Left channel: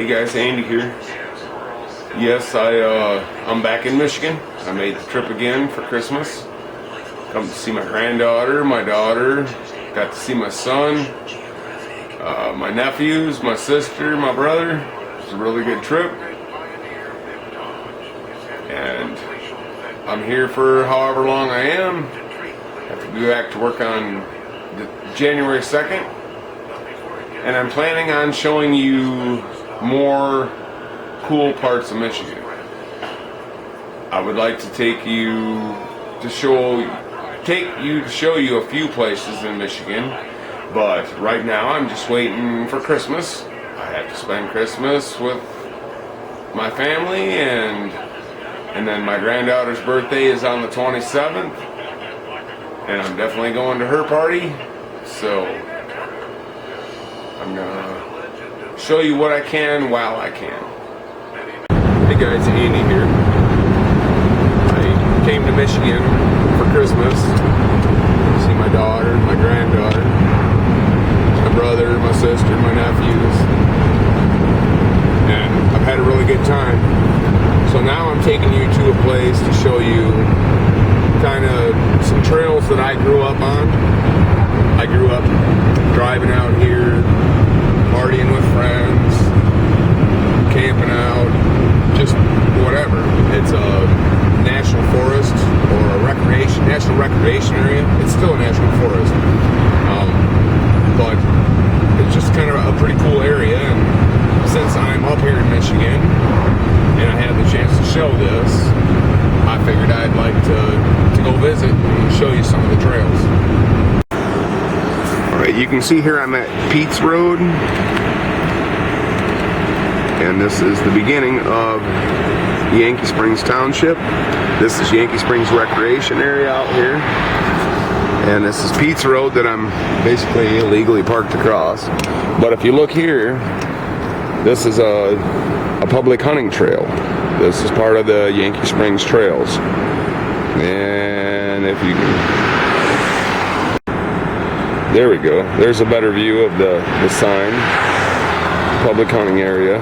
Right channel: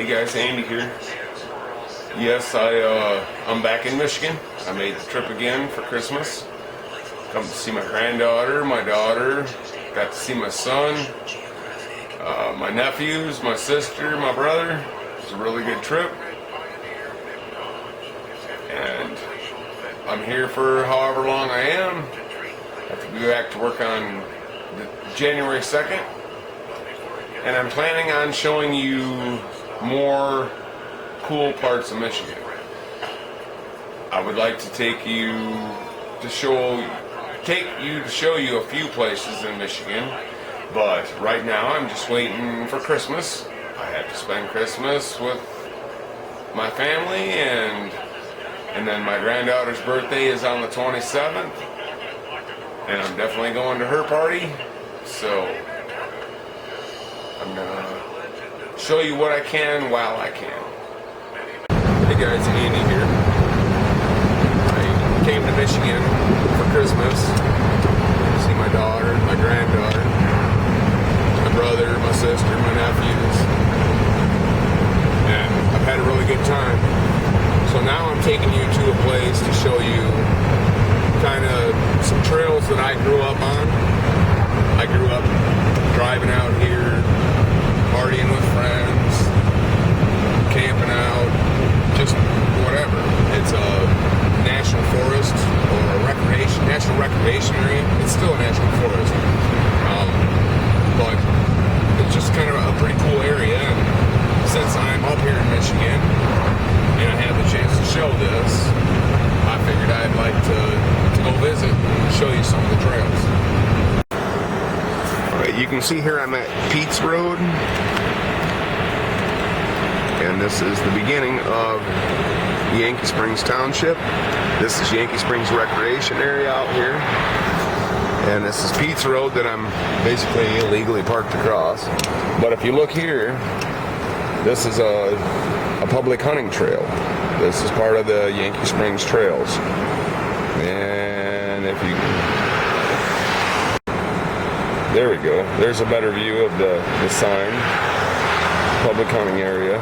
Hey guys, Andy here. Yes, I'm back in Michigan. I made the trip again for Christmas. Come to see my granddaughter, my daughter. Got to see my son, my nephews, my sister, my brother. It was a really good trip. And I'm here for however long I am. I have to be back to work on January 2nd. And I'm planning on showing you more cool parts of Michigan. I would like to take you to show you a few places in Michigan, but right now I'm just waiting for Christmas. I have to spend Christmas with my family, and then my granddaughter's birthday is on the 27th, and I'm definitely going to her party, so I'm gonna show you what I can while I can. Hey guys, Andy here. I came to Michigan for Christmas to see my daughter, my granddaughter, my brother, my sister, my nephews, and I've had a really good time. So now I'm taking you to a place to show you kind of some trails that I grew up on. I grew up driving out here, partying with friends, camping out, just whatever. It's a national forest or a national recreation area. It's still a national forest, but it's just kind of a pretty cool area. And since I'm up here in Michigan and I have the chance to show this, I figured I'd like to go visit and show you some of the trails. Alright, you can see here I'm at Pete's Road, and this is the beginning of Yankee Springs Township. This is Yankee Springs Recreation Area out here, and this is Pete's Road that I'm basically illegally parked across. But if you look here, this is a public hunting trail. This is part of the Yankee Springs Trails. And if you... There we go. There's a better view of the sign. Public hunting area.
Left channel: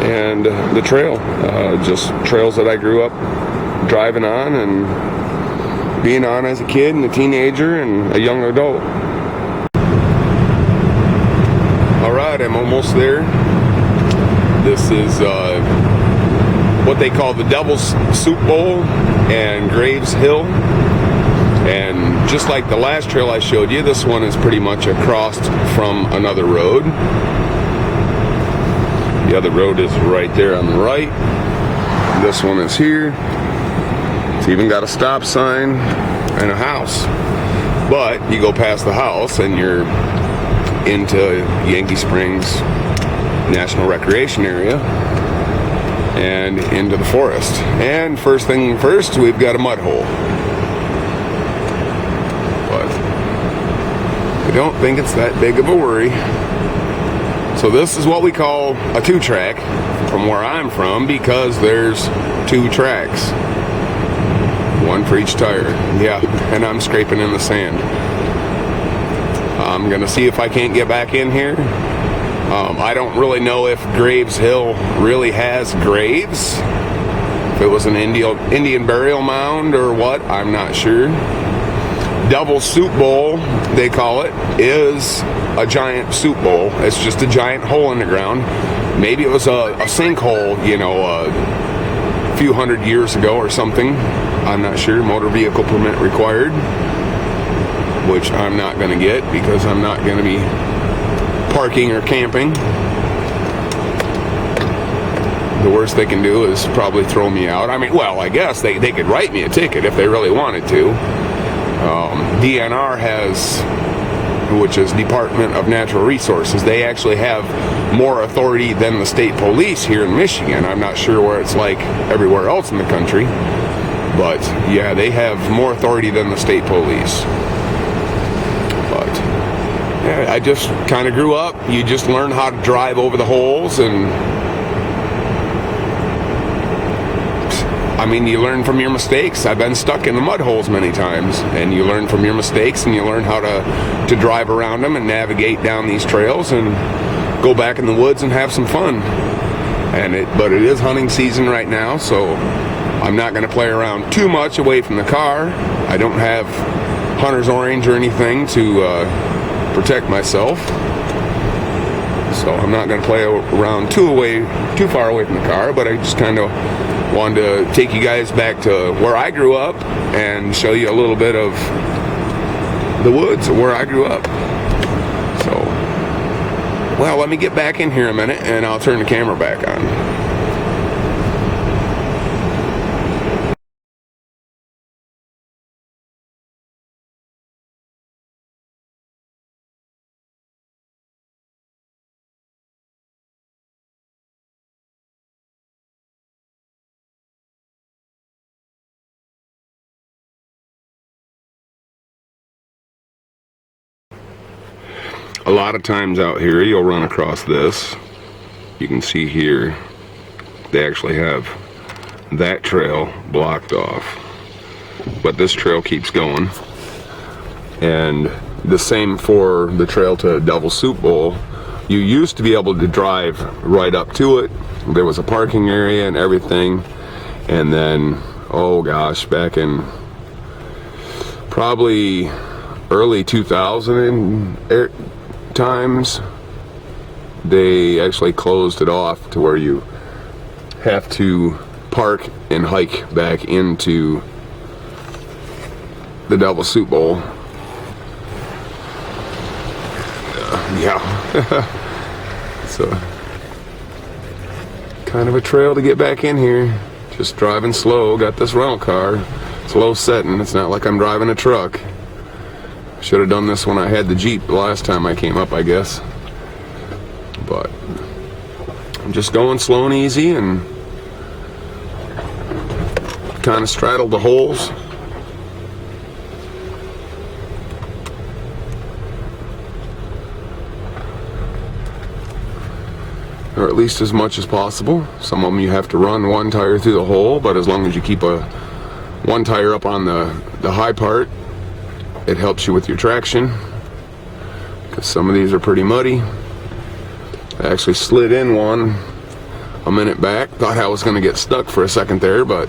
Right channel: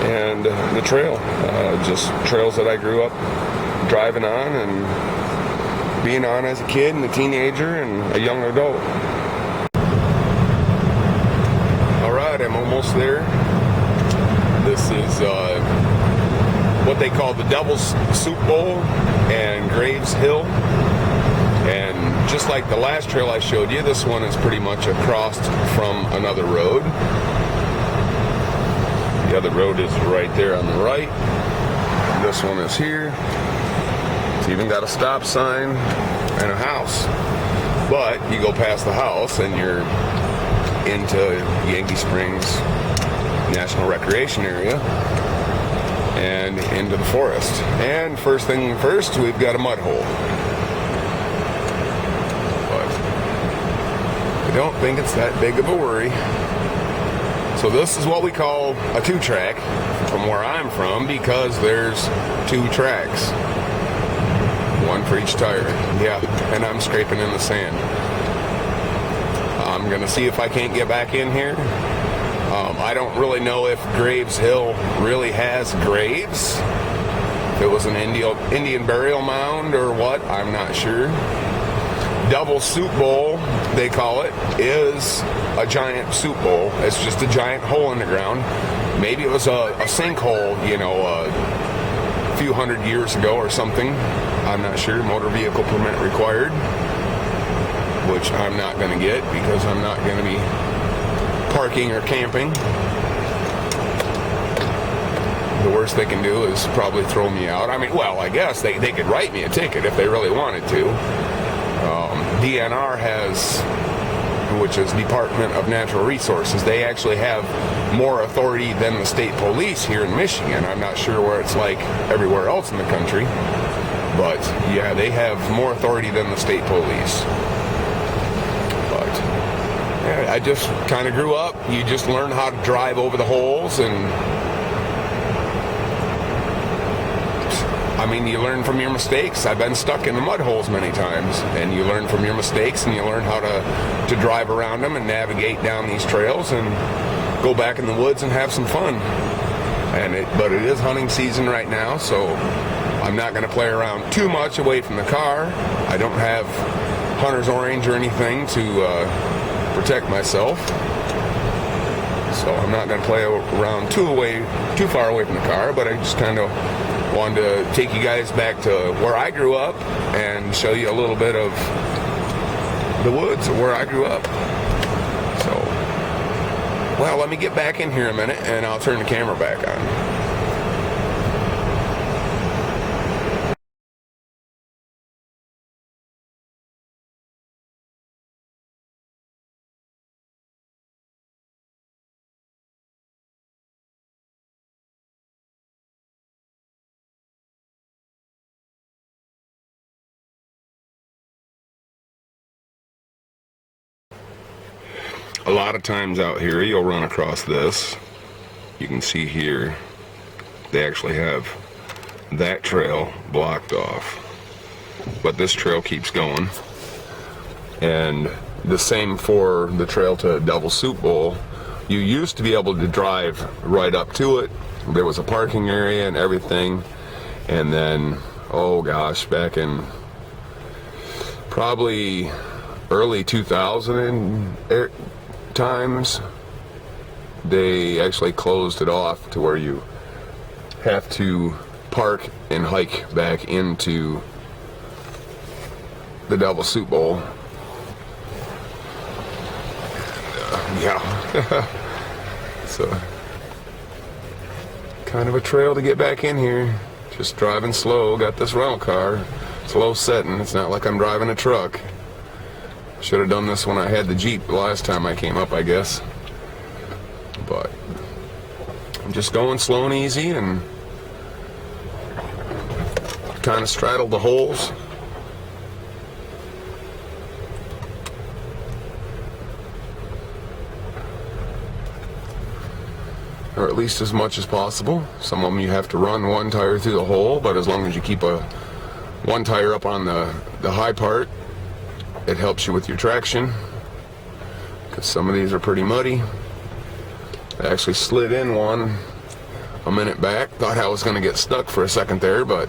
And the trail. Just trails that I grew up driving on and being on as a kid and a teenager and a young adult. Alright, I'm almost there. This is what they call the Devil's Soup Bowl and Graves Hill. And just like the last trail I showed you, this one is pretty much across from another road. The other road is right there on the right. This one is here. It's even got a stop sign and a house. But you go past the house and you're into Yankee Springs National Recreation Area and into the forest. And first thing first, we've got a mud hole. I don't think it's that big of a worry. So this is what we call a two-track from where I'm from, because there's two tracks. One for each tire. Yeah, and I'm scraping in the sand. I'm gonna see if I can't get back in here. I don't really know if Graves Hill really has graves. If it was an Indian burial mound or what, I'm not sure. Devil's Soup Bowl, they call it, is a giant soup bowl. It's just a giant hole in the ground. Maybe it was a sinkhole, you know, a few hundred years ago or something. I'm not sure. Motor vehicle permit required, which I'm not going to get because I'm not going to be parking or camping. The worst they can do is probably throw me out. I mean, well, I guess they could write me a ticket if they really wanted to. DNR has, which is Department of Natural Resources, they actually have more authority than the state police here in Michigan. I'm not sure where it's like everywhere else in the country, but yeah, they have more authority than the state police. But yeah, I just kind of grew up. You just learn how to drive over the holes, and I mean, you learn from your mistakes. I've been stuck in the mud holes many times, and you learn from your mistakes, and you learn how to drive around them and navigate down these trails, and go back in the woods and have some fun. But it is hunting season right now, so I'm not going to play around too much away from the car. I don't have hunter's orange or anything to protect myself, so I'm not going to play around too far away from the car. But I just kind of wanted to take you guys back to where I grew up and show you a little bit of the woods where I grew up. So, well, let me get back in here a minute and I'll turn the camera back on. A lot of times out here you'll run across this. You can see here they actually have that trail blocked off, but this trail keeps going. And the same for the trail to Devil's Soup Bowl. You used to be able to drive right up to it. There was a parking area and everything, and then, oh gosh, back in probably early 2000 times, they actually closed it off to where you have to park and hike back into the Devil's Soup Bowl. Yeah. So kind of a trail to get back in here. Just driving slow. Got this rental car. It's low setting. It's not like I'm driving a truck. Should have done this when I had the Jeep the last time I came up, I guess. But I'm just going slow and easy and kind of straddle the holes. Or at least as much as possible. Some of them you have to run one tire through the hole, but as long as you keep one tire up on the high part, it helps you with your traction, because some of these are pretty muddy. I actually slid in one a minute back. Thought I was going to get stuck for a second there, but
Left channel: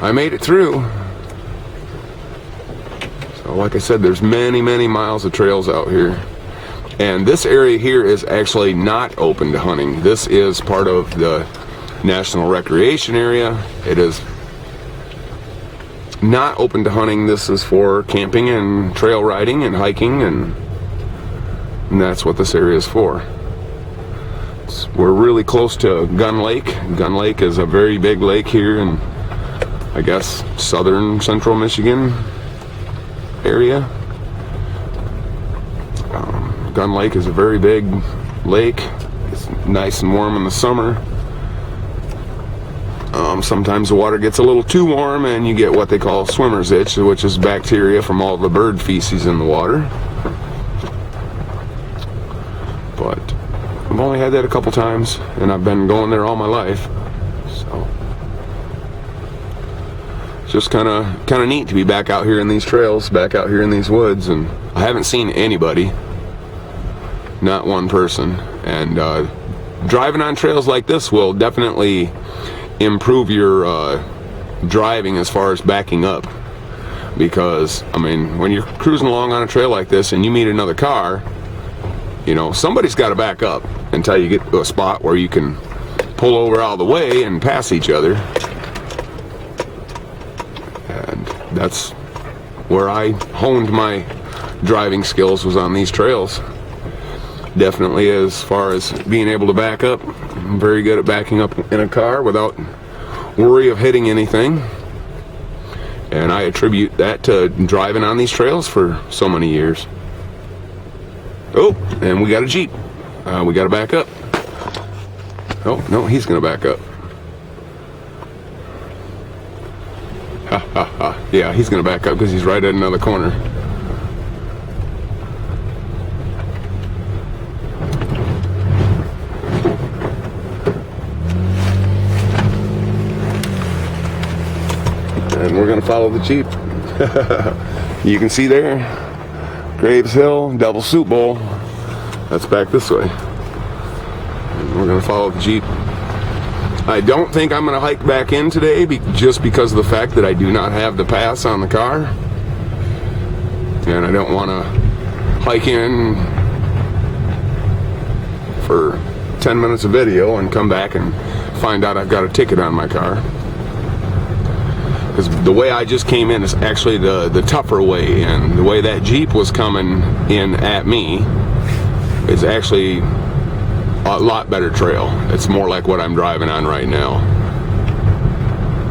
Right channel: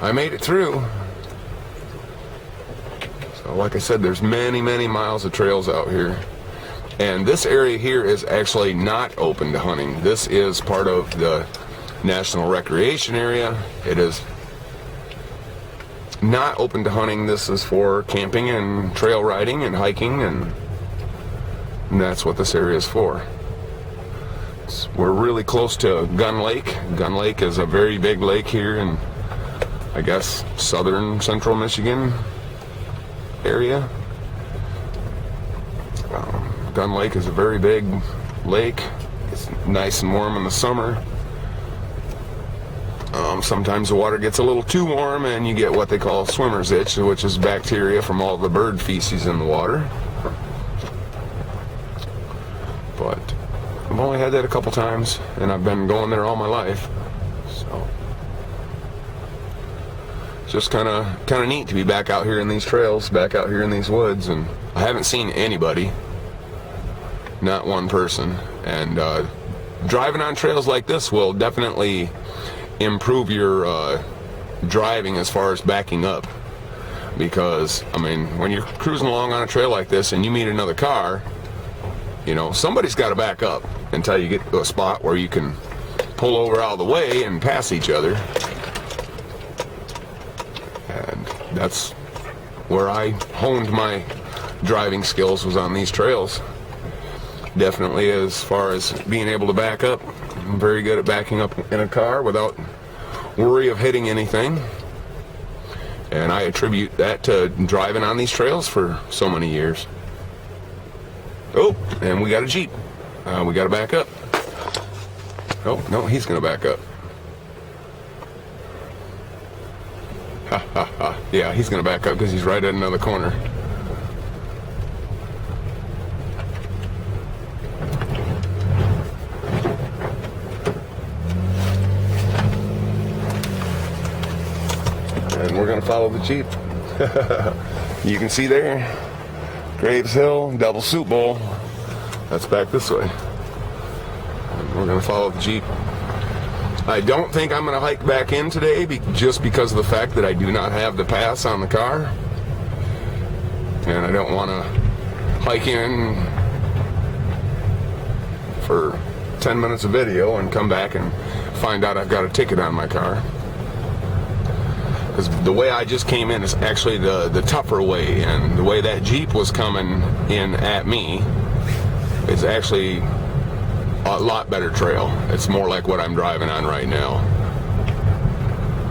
I made it through. So like I said, there's many miles of trails out here. And this area here is actually not open to hunting. This is part of the National Recreation Area. It is not open to hunting. This is for camping and trail riding and hiking, and that's what this area is for. We're really close to Gun Lake. Gun Lake is a very big lake here in, I guess, southern central Michigan area. Gun Lake is a very big lake. It's nice and warm in the summer. Sometimes the water gets a little too warm and you get what they call swimmer's itch, which is bacteria from all the bird feces in the water. But I've only had that a couple times, and I've been going there all my life. So it's just kind of neat to be back out here in these trails, back out here in these woods, and I haven't seen anybody, not one person. And driving on trails like this will definitely improve your driving as far as backing up, because I mean, when you're cruising along on a trail like this and you meet another car, you know, somebody's got to back up until you get to a spot where you can pull over out of the way and pass each other. And that's where I honed my driving skills, was on these trails. Definitely, as far as being able to back up, I'm very good at backing up in a car without worry of hitting anything. And I attribute that to driving on these trails for so many years. Oh, and we got a Jeep. We got to back up. Oh, no, he's going to back up. Ha, ha, ha. Yeah, he's going to back up because he's right at another corner. And we're going to follow the Jeep. You can see there, Graves Hill, Devil's Soup Bowl. that's back this way. We're gonna follow the Jeep. I don't think I'm gonna hike back in today just because of the fact that I do not have the pass on the car. And I don't wanna hike in for 10 minutes of video and come back and find out I've got a ticket on my car. Because the way I just came in is actually the tougher way in. The way that Jeep was coming in at me is actually a lot better trail. It's more like what I'm driving on right now.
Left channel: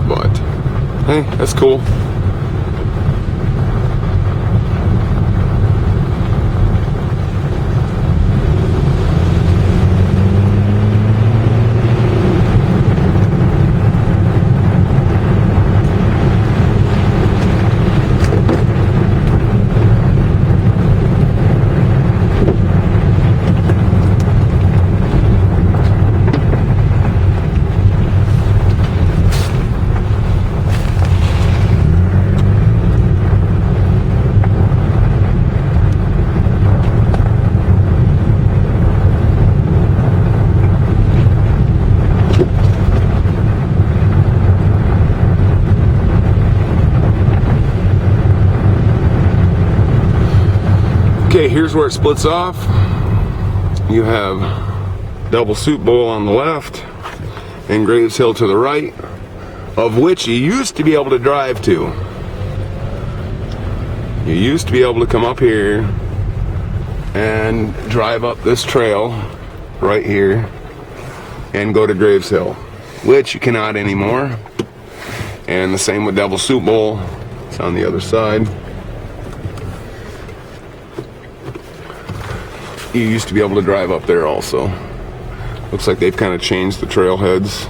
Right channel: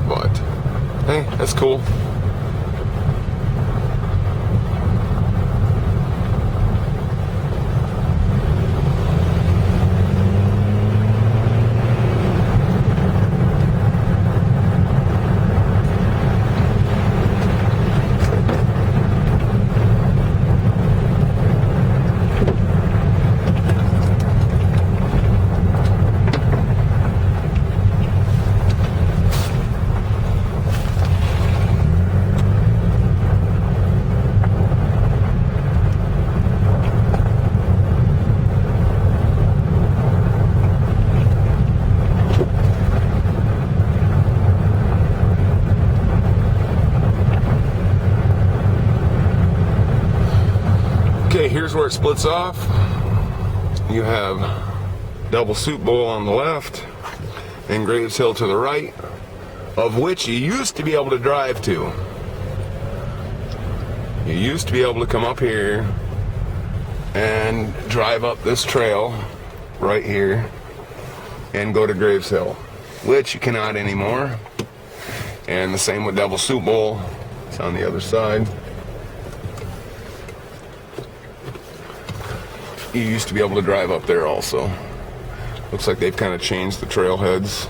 But hey, that's cool. Okay, here's where it splits off. You have Double Soup Bowl on the left and Graves Hill to the right, of which you used to be able to drive to. You used to be able to come up here and drive up this trail right here and go to Graves Hill, which you cannot anymore. And the same with Double Soup Bowl. It's on the other side. You used to be able to drive up there also. Looks like they've kind of changed the trailheads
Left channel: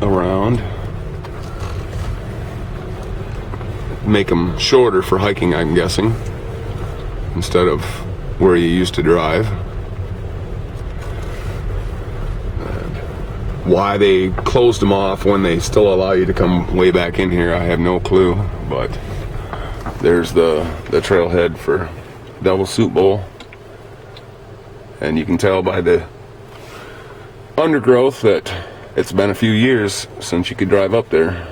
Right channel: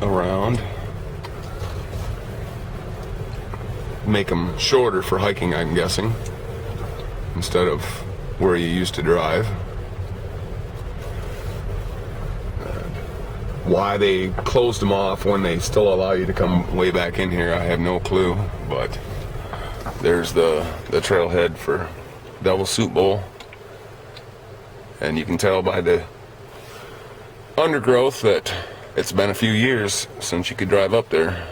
around. Make them shorter for hiking, I'm guessing, instead of where you used to drive. Why they closed them off when they still allow you to come way back in here, I have no clue, but there's the trailhead for Double Soup Bowl, and you can tell by the undergrowth that it's been a few years since you could drive up there.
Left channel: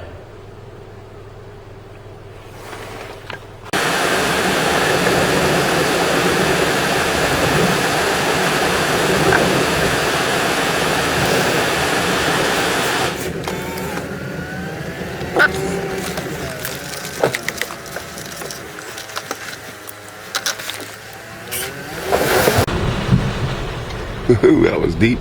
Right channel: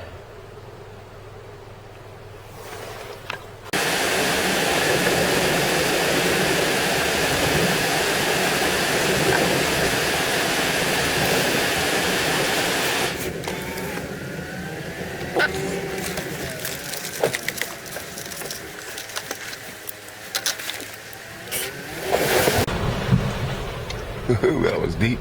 Ooh, that was deep.